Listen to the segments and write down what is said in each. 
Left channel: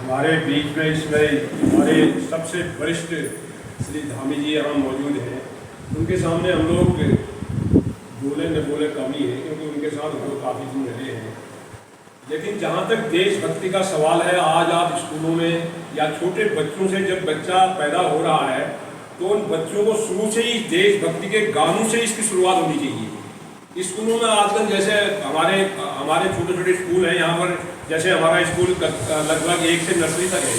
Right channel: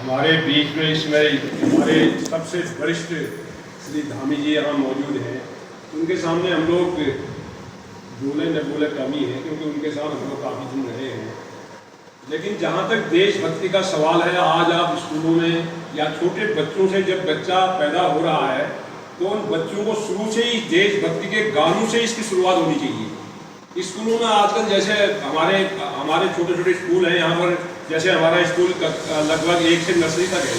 हमारे बीच में इसमें हमारे सबसे वरिष्ठ श्री धामी जी यहाँ मौजूद हैं। उनके सामने हम लोग बोले न बोले कम ही है, क्योंकि उनके साथ हम लोग काफ़ी दिन रहे हैं। लेकिन जहाँ तक देशभक्ति का सवाल है, आज आप स्कूलों में या छोटे बच्चों से जब बच्चा पैदा हो रहा है तो उन बच्चों को शुरू से ही देशभक्ति के गानों से इसकी शुरुआत होनी चाहिए। स्कूलों में आजकल जैसे हमारे छोटे छोटे स्कूल हैं यहाँ पर, जैसे हमारा स्कूल लगभग 1 से नर्सरी तक है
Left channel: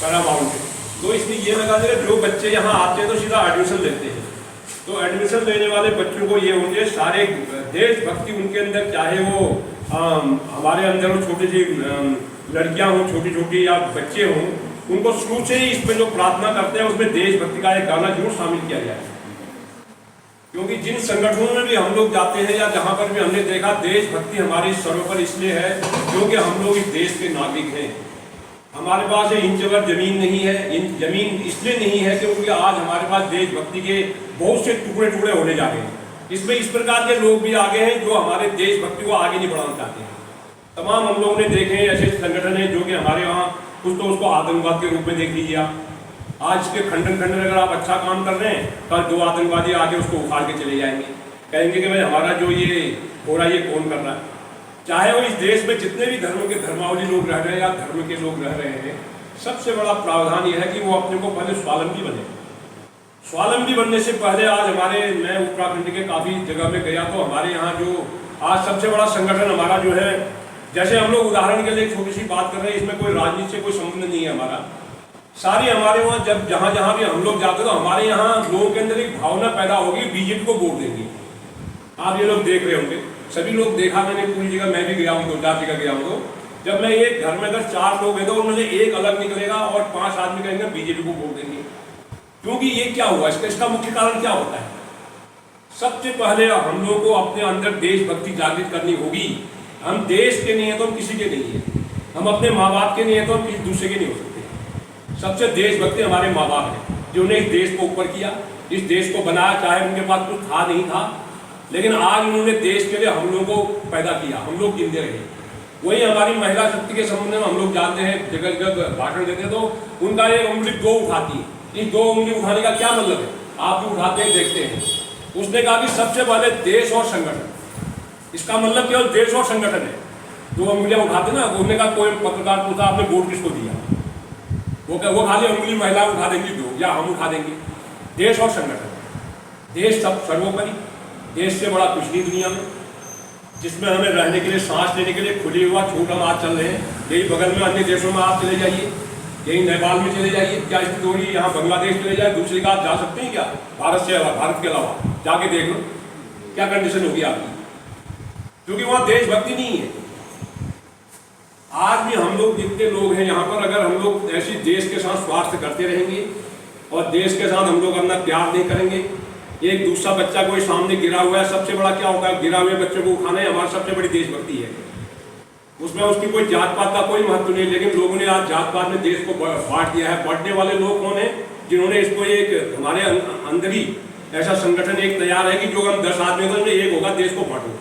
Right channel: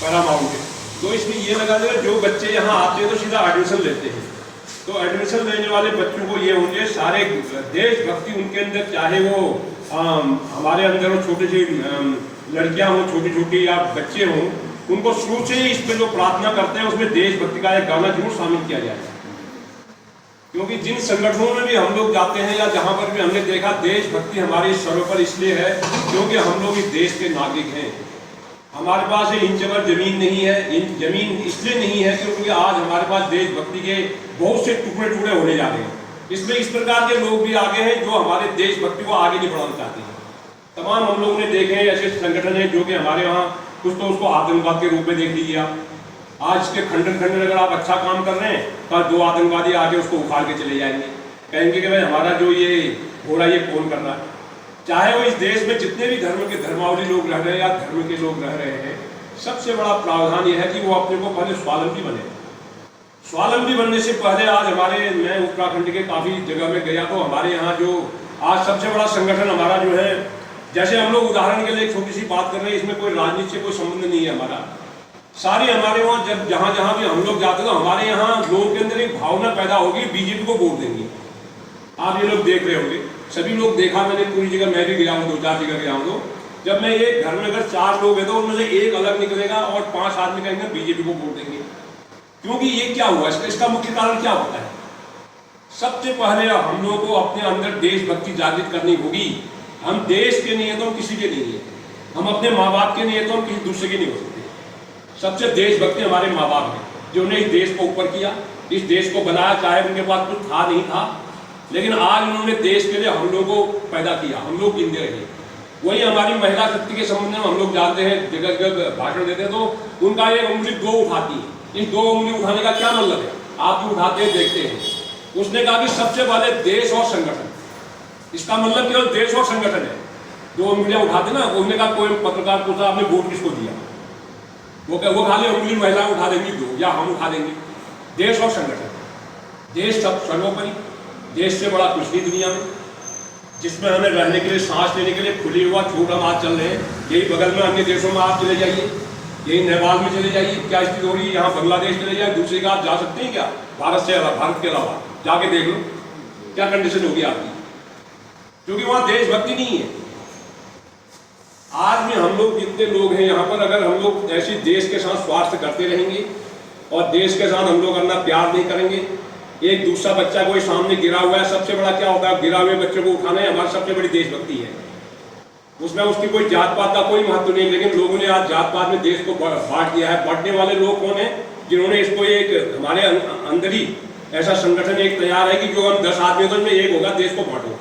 पैरामाउंट है, तो इसमें ये लगा देगा जो बच्चे यहाँ आते हैं तो सीधा एडमिशन लेते हैं। तो एडमिशन लेने वाले बच्चों को ये होते हैं सारे देशभक्ति उनके अंदर, चाहे वो हमारे अंदर वो छोटी सी लड़कियाँ हों, छोटी छोटी या बच्चे हों, उनको शुरू से ही इसमें जो प्रार्थना करते हैं उसमें देशभक्ति का एक गाना जरूर शामिल किया जाए। क्योंकि जिन संगठनों में भी हम लोग जाते हैं या जहाँ पर भी हमने देखा, देशभक्ति हमारे सर्वोपरि इसलिए है क्योंकि हम लोग इस देश के नागरिक हैं। हमारे पास इंच भर जमीन नहीं है, जमीन इसलिए नहीं है क्योंकि आज हमारे पास देशभक्ति के बहुत से टुकड़े टुकड़े होने जा रहे हैं। इसमें इस प्रकार के लोग भी आगे हैं जो हमारे देशभक्ति को आगे नहीं बढ़ाना चाहते हैं। तमाम हम लोगों ने देखे हैं ऐसे संगठन हैं जो कि हमारे वहाँ कुछ तो उसको आतंकवाद के रूप में देख लीजिए आप। आज इसके खंडन अगर आप अच्छा काम कर रहे हैं, कल 2 आतंकवादी आके उसको उखाड़ के चले जाएंगे, कहेंगे कि भाई हमारा जो ये हो रहा है ये कौन कर रहा है। चाहे वो इस देश में जितने भी धर्म के धर्मावली लोग रह रहे हैं या धर्म के लोग रह रहे हैं, सबसे बड़ा प्रावधान यह है कि वो अपने को पहले स्वावलंबी बने। स्वावलंबी बनने से पहले आज मैं उत्तराखंड के काफ़ी जगह में गया तो हमारे यहाँ जो आज सबसे बड़ा संगठन हमारा जो है, जैसे हम लोग उदाहरण के लिए छोटी सी बात कर रहे हैं, इसमें कोई राजनीति से कोई संबंध नहीं है हमारा। सारी हमारे वहाँ जब जहाँ भी हम लोग जाते हैं तो हमारे यहाँ लोगों के अंदर एक भावना पैदा होगी, बीजेपी को वोट देंगे। आप ये लोग देख रहे होंगे, सभी लोग देखा मैंने पूरी जगह, मैं भी गया हूँ, 2-4 जगह गया हूँ। तो जब मैं एक घर में अगर 4 लोग हैं तो उनमें से एक अलग निकलेगा और 5 आदमी कहेंगे बीजेपी को वोट देंगे। क्योंकि ये क्या हुआ, इसका मुख्य कारण क्या होता है? सबसे पहले हम लोगों को अपने अंदर देशभक्ति जागृत करनी होगी। हम देश के नहीं है तो हम किसी के नहीं है, हम अपने माँ बाप के नहीं है तो हम किसी दूसरे के नहीं हो सकते। सबसे देशभक्ति हमारे माँ बाप हैं जिन्होंने इस देश को ऊपर किया, इस देश को बनाया। चाहे उनके पास कुछ था नहीं था, लेकिन आज उन्होंने देश के लिए हम लोगों को पैदा किया, हम लोग जिंदे रहे। वही हमारी महिला शक्ति के संबंध में हम लोग जानते हैं, जगह जगह भाषण देते हैं तो उनका एक उंगली 2 उठाती है। इस 2 उंगली उठाने का क्या मतलब है? आप जो उठाते हैं देखते हैं। उसने कहा कि सबसे पहले देश और संगठन, इसका मतलब केवल देश और संगठन है। 2 उंगलियां उठाते ना, उन्होंने कहा कोई पत्रकार पूछा आपने वोट किसको दिया, वो खाली उंगली महिला उठा देंगी 2 या हम उठा देंगे। देश और संगठन, देश सब सर्वोपरि, देश से बड़ा कुछ नहीं दुनिया में, जिसमें हमें रहने के लिए, सांस लेने के लिए खुली हुआ छूट हम आज चल रहे हैं। यही बगल में अन्य देशों में आप चले जाइए, यही नेपाल में चले जाइए, क्या स्थिति हो रही है, यहाँ बांग्लादेश चले जाए, दूसरी का आप जा सकते हैं क्या? भारत के अलावा जाके देख लो क्या कंडीशन होगी आपकी, क्योंकि वहाँ देशभक्ति नहीं है। आज भी हम लोग जितने लोग हैं यहाँ पर, अगर हम लोग ऐसी देश के साथ स्वार्थ करते रहेंगे और देश के साथ हम लोग अपना प्यार नहीं करेंगे, एक दूसरा बच्चा कोई सामने गिरा हुआ है, सबसे बड़ा क्या होता है, गिरा हुए बच्चे को उठाना है, हमारी सबसे बड़ी देशभक्ति है। उसमें उसकी कोई जात पात का कोई महत्व नहीं है, लेकिन लोगों ने आज जात पात में देश को बांट दिया है। बांटने वाले लोग कौन है? जिन्होंने इसको एक हमारे अंदर ही ऐसा संगठन एक तैयार है कि जो हम 10 आदमी तो एक होगा देश को बांटो,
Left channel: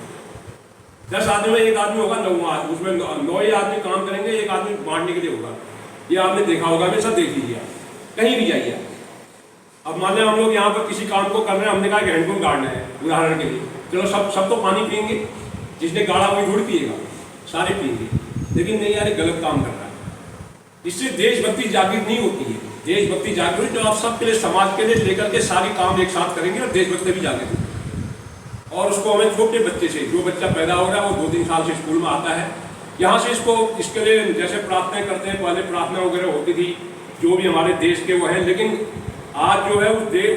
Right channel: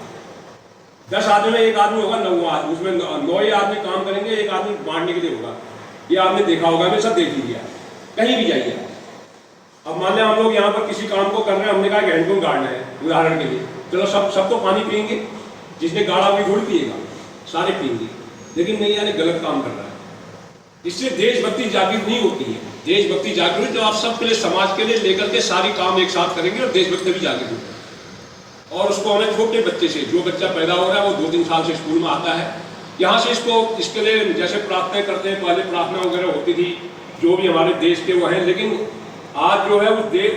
10 आदमी में एक आदमी होगा 9 आदमी, उसमें 9 ही आदमी काम करेंगे, एक आदमी बांटने के लिए होगा। ये आपने देखा होगा, हमेशा देख लीजिए कहीं भी जाइए। अब मान लिया हम लोग यहाँ पर किसी काम को कर रहे हैं, हमने कहा हैंडपंप गाड़ना है उदाहरण के लिए, चलो सब तो पानी पियेंगे, जिसने गाड़ा वही थोड़ी पिएगा, सारे पियेंगे। लेकिन नहीं यार, गलत काम कर रहा है। इससे देशभक्ति जागृत नहीं होती है। देशभक्ति जागृत तो आप सबके लिए, समाज के लिए लेकर के सारी काम एक साथ करेंगे और देशभक्ति भी जागृत होगी। और उसको हमें छोटे बच्चे से, जो बच्चा पैदा हो रहा है वो 2-3 साल से स्कूल में आता है, यहाँ से इसके लिए जैसे प्रार्थना करते हैं, पहले प्रार्थना वगैरह होती थी जो भी हमारे देश के वो हैं, लेकिन आज जो है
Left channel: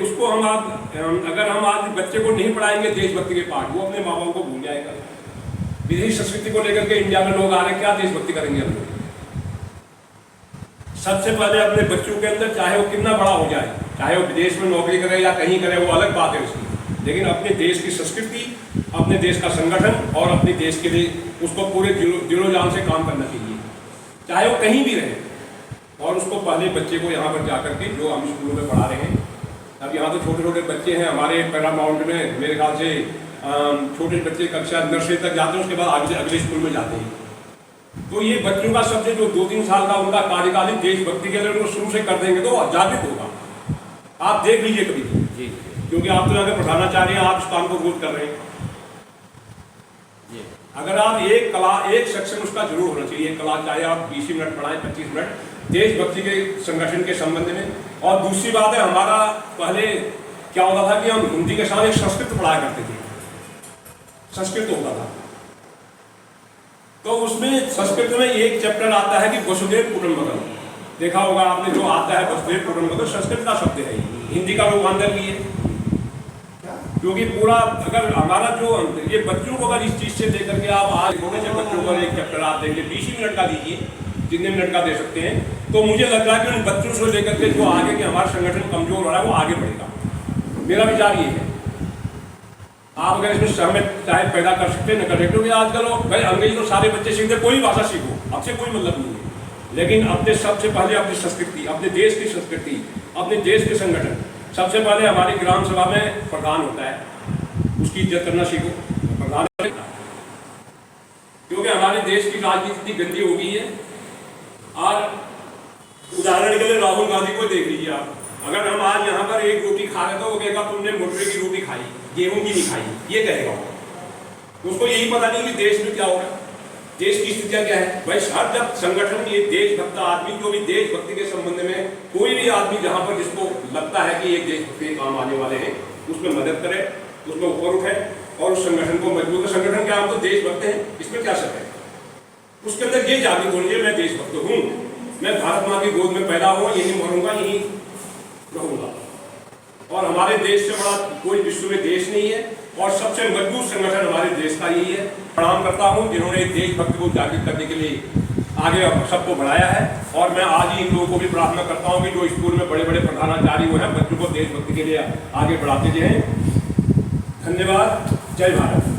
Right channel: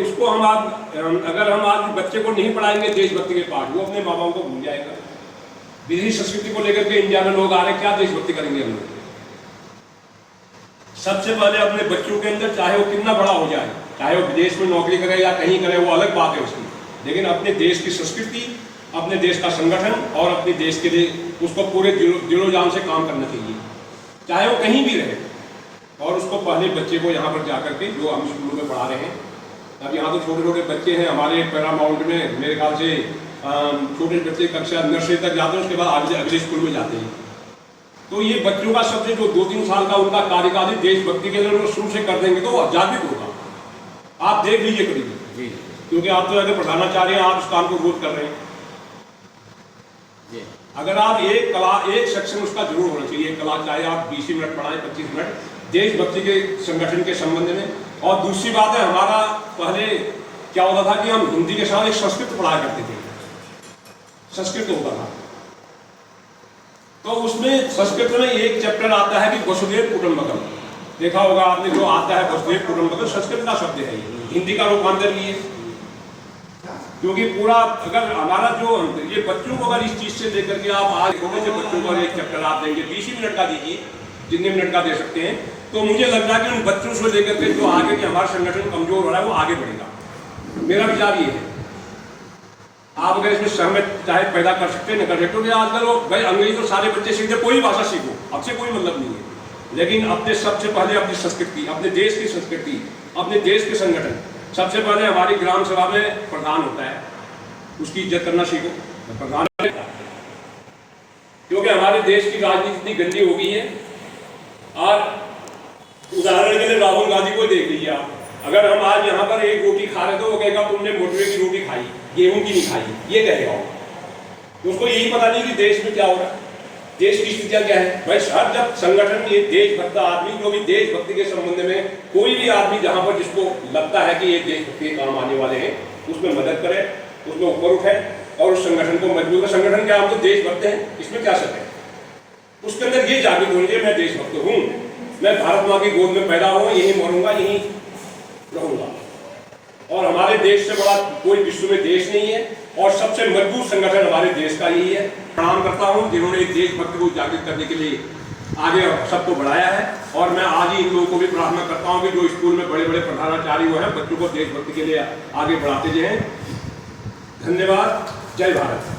उसको अगर हम आज बच्चे को नहीं पढ़ाएंगे देशभक्ति के पाठ, वो अपने माँ बाप को भूल जाएगा। विदेशी संस्कृति को लेकर के इंडिया में लोग आ रहे हैं, क्या देशभक्ति करेंगे हम लोग? सबसे पहले अपने बच्चों के अंदर, चाहे वो कितना बड़ा हो जाए, चाहे वो विदेश में नौकरी करे या कहीं करे, वो अलग बात है उसकी, लेकिन अपने देश की संस्कृति, अपने देश का संगठन और अपने देश के लिए उसको पूरे दिलो जान से काम करना चाहिए, चाहे वो कहीं भी रहे। और उसको पहले बच्चे को यहाँ पर जाकर के, जो हम स्कूलों में पढ़ा रहे हैं, अब यहाँ तो छोटे छोटे बच्चे हैं हमारे पैरामाउंट में, मेरे ख्याल से छोटे बच्चे कक्षा नर्सरी तक जाते हैं, उसके बाद अगले स्कूल में जाते हैं। तो ये बच्चों का सबसे जो 2-3 साल का उनका कार्यकाल देशभक्ति के लिए उनको शुरू से कर देंगे तो वो जागृत होगा। आप देख लीजिए कभी जी, क्योंकि आप तो अगर प्रधानाचार्य हैं, आप उस काम को रोज कर रहे हैं जी। अगर आप एक सेक्शन उसका जरूर होना चाहिए, कला, चाहे आप 20 मिनट पढ़ाएं, 25 मिनट देशभक्ति के संगठन के संबंध में। और दूसरी बात है, हमारा पहले क्या होता था कि हम हिंदी के साथ एक संस्कृत पढ़ाया करते थे, संस्कृत होता था। तो उसमें संस्कृत में एक चैप्टर आता है कि वसुधैव कुटुंबकम, देखा होगा आपने, जो आता है वसुधैव कुटुंबकम संस्कृत का शब्द है, हिंदी का रूपांतर लिए। क्योंकि पूरा अगर हमारा जो ये बच्चों को अगर इस चीज से लेकर के आप आज छोटे से बच्चों को एक चैप्टर आप देंगे, 20 मिनट का दीजिए, जितने मिनट का दे सकते हैं, तो मुझे लग रहा है कि उन बच्चों से लेकर के जो आगे के हमारा संगठन कमजोर हो रहा है वो आगे बढ़ेगा। मेरा विचार ये है। आप अगर इसमें सहमत चाहे पैदा कर सकते हैं, न कर सकते, क्योंकि आजकल भाई अंग्रेजी तो सारे बच्चे सीखते, कोई भाषा सीखो, आपसे कोई मतलब नहीं है, लेकिन अपने सबसे पहले अपनी संस्कृति, अपने देश की संस्कृति, अपने देश के संगठन, सबसे पहले हमारी ग्राम सभा में प्रधान होता है, उसकी इज्जत करना सीखो। प्रधान, क्योंकि हमारे देश की राजनीति इतनी गंदी हो गई है। और उदाहरण के लिए राहुल गांधी को देख लीजिए आप, अगर हम आज यहाँ पर एक रोटी खा रहे तो वो कहेगा तुमने मोटवे की रोटी खाई, गेहूं की नहीं खाई, ये कहेगा। उसको यही पता नहीं कि देश में क्या हो रहा है, देश की स्थितियां क्या है। भाई हर जब संगठन ये देशभक्त आदमी, जो भी देशभक्ति के संबंध में कोई भी आदमी जहां पर जिसको लगता है कि ये देशभक्ति के काम आने वाले हैं, उसमें मदद करे, उसमें ऊपर उठे और उस संगठन को मजबूत। संगठन क्या, हम तो देशभक्त हैं, इसमें क्या शक है। उसके अंदर ये जागृत होंगे, मैं देशभक्त हूँ, मैं भारत माँ की गोद में पैदा हुआ, यहीं मरूंगा, यहीं रहूंगा, और हमारे देश से बड़ा कोई विश्व में देश नहीं है, और सबसे मजबूत संगठन हमारे देश का यही है। प्रणाम करता हूं जिन्होंने देशभक्ति को जागृत करने के लिए आगे सबको बढ़ाया है। और मैं आज ही इन लोगों को भी प्रार्थना करता हूं कि जो स्कूल में बड़े बड़े प्रधानाचार्य हुए हैं, बच्चों को देशभक्ति के लिए आगे बढ़ाते जाएं। धन्यवाद। जय भारत।